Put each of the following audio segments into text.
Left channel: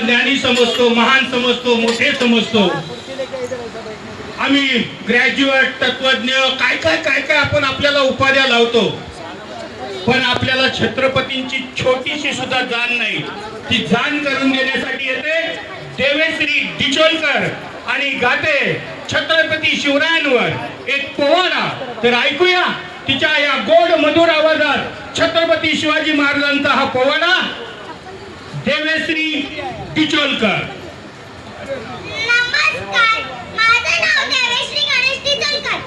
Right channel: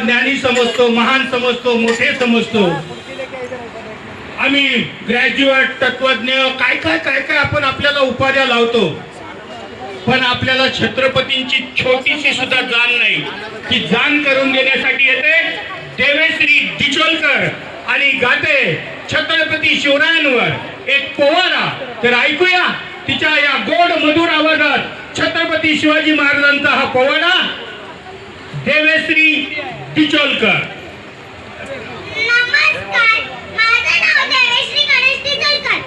ज्ञानी समजतो, महान समजतो, मोठे समजतो. आम्ही ग्रॅज्युएट, तत्वज्ञ, काय काय काय काय आपण आपल्याला उपाध्या लावतो, पण आपल्याला छत्रपतींची छोटीशी सुद्धा जाण नाही. ती जाण करून देण्यासाठी येते देवेश्री डिचोलकर आणि गाते छत्रपती शिवरायांवर एक पोवाडा. तर ऐकूया तिच्या या गोड मधुर आवाजात छत्रपती शिवाजी महाराजांचा हा पोवाडा. देवेश्री डिचोलकर. नमस्कार, माझं नाव देवेश्री गणेश डिचोलकर.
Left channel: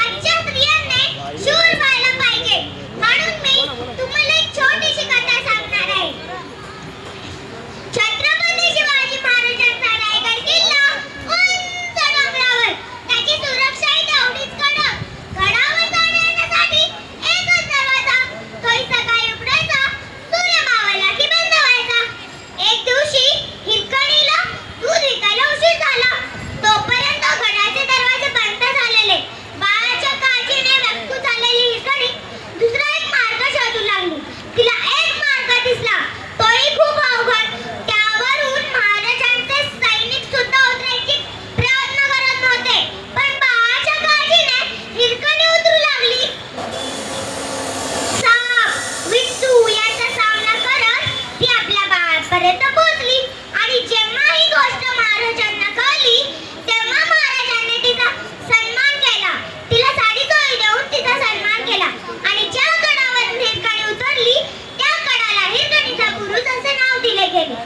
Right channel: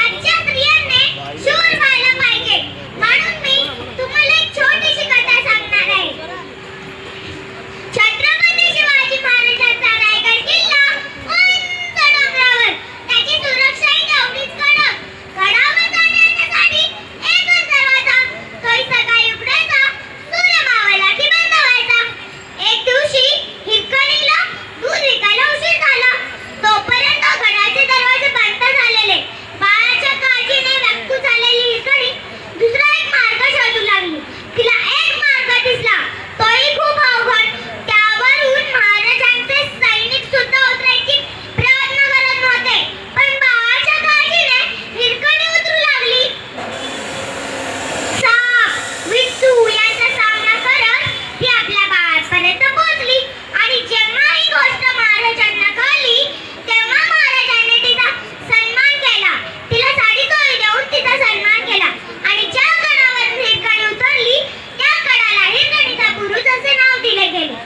आजच्या स्त्रियांनी शूर व्हायला पाहिजे म्हणून मी तुम्हाला एक छोटीशी कथा सांगणार आहे. छत्रपती शिवाजी महाराजांचा रायगड किल्ला उंच डोंगरावर, त्याची सुरक्षाही तेवढीच कडक. गडावर जाण्यासाठी एकच दरवाजा, तोही सकाळी उघडायचा, सूर्य मावळला की बंद व्हायचा. एक दिवशी हिरकणीला दूध विकायला उशीर झाला. तोपर्यंत गडाचे दरवाजे बंद झालेले. बाळाच्या काळजीने व्यक्त झालेली हिरकणी दुसरा एक मार्ग शोधू लागली. तिला एक मार्ग दिसला, तोही खूप अवघड. त्यावरून महाराजांचे सैनिक सुद्धा उतरायचे प्रयत्न करत नव्हते, पण बाळाच्या काळजीने हिरकणी उतरू लागली. साप, विट्टू यांचा सामना करत ती आपल्या बाळापर्यंत पोहोचली आणि जेव्हा ही गोष्ट महाराजांना कळली तेव्हा महाराजांनी तिचा सन्मान केला. तिला साडी चोळी देऊन तिचा सन्मान केला आणि ज्या गडावर हिरकणी उतरली त्या गडाला हिरकणीचा बुरुज असे नाव दिले गेले.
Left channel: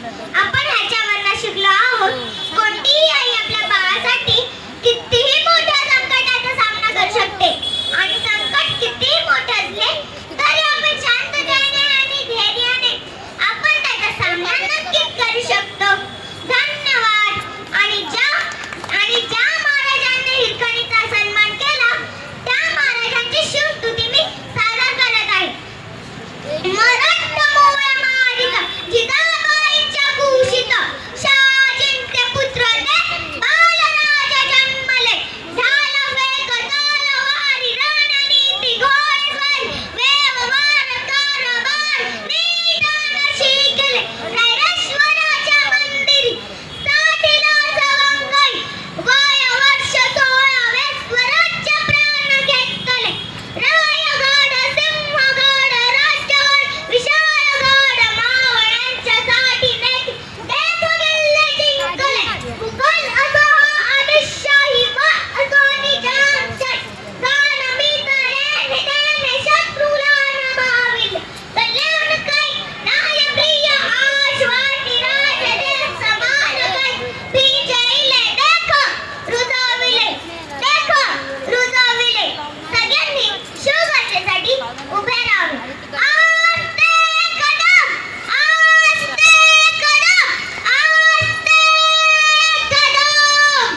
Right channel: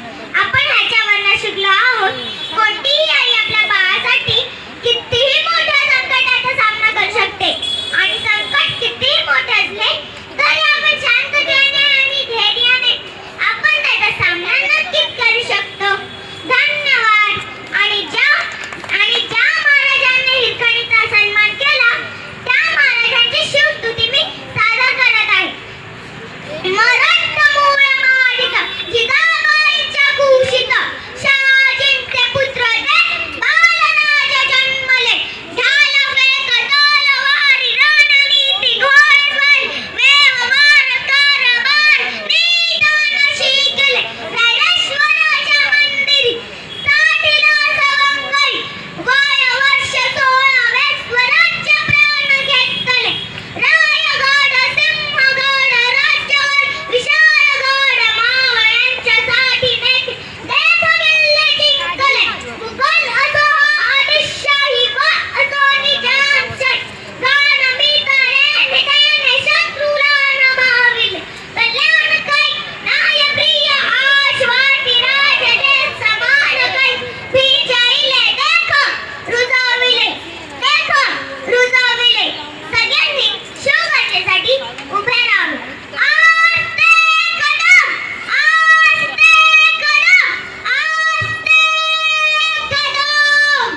आपण ह्याच्यावरनं शिकलो आहोत, कोणतीही आई आपल्या बाळासाठी कितीही मोठ्या संकटाचा सामना करू शकते आणि संकट कितीही मोठे असले तरी आपण शांततेने आणि धैर्याने आपण त्याचा सामना नक्कीच करू शकतो. धन्यवाद. आणि ज्या महाराजांनी हिरकणीचा सन्मान केला त्या महाराजांची शिवस्तुती मी सादर करत आहे. मराठमोळ्या माडिका जिजाबाईंच्या कुशीत शहाजींचे पुत्र ते बालराजा जन्मले. झालं वेग तलवारी रणनीती घोडेस्वारी वेगवान कारभार निदान शिकले. नरेश्वराच्या मंदिरी साठीला सवंगई वय वर्ष 16 स्वराज्य प्राण घेतले. रायगड, सिंहगड, राजगड, विशाळगड मावळ्यांच्यासाठी नेते देश किल्ले जिंकले. मुघल असो आदिलशाही वा असो निजामशाही, रणमिताने निधेने शत्रूला नभाविले. कल्याणकारी न्यायप्रिय आश्वासी राजे देश समान काही विजयले. देख रुजविले. सगळ्यांनी शिवगर्जेसाठी उभे राहून आस्ते कदम, आस्ते कदम, आस्ते कदम.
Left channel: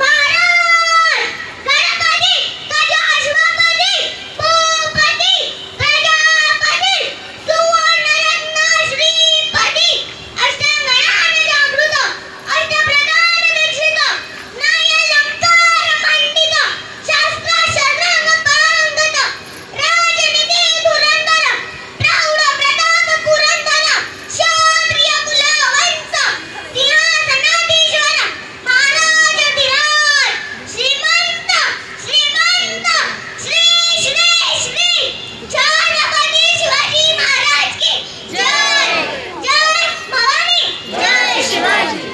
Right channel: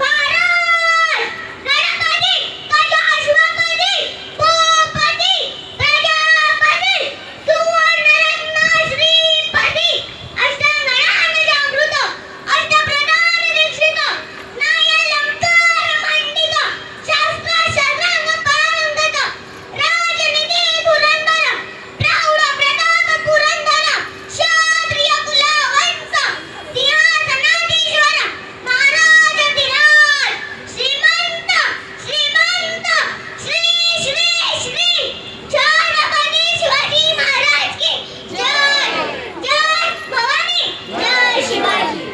भारत गणपती गजाश्वपती भूपती प्रजापती सुवर्णरत्न श्रीपती अष्टगणाने जागृत अष्टप्रधान दीक्षित न्यायालंकार पंडित शास्त्र शरण पांडित राजनीती धुरंधर प्रौढ प्रताप पुरंदर क्षत्रिय कुलवंश सिंहासनाधीश्वर महाराजाधिराज श्रीमंत श्रीमंत श्री श्री श्री छत्रपती शिवाजी महाराज की जय. जय भवानी, जय शिवाजी.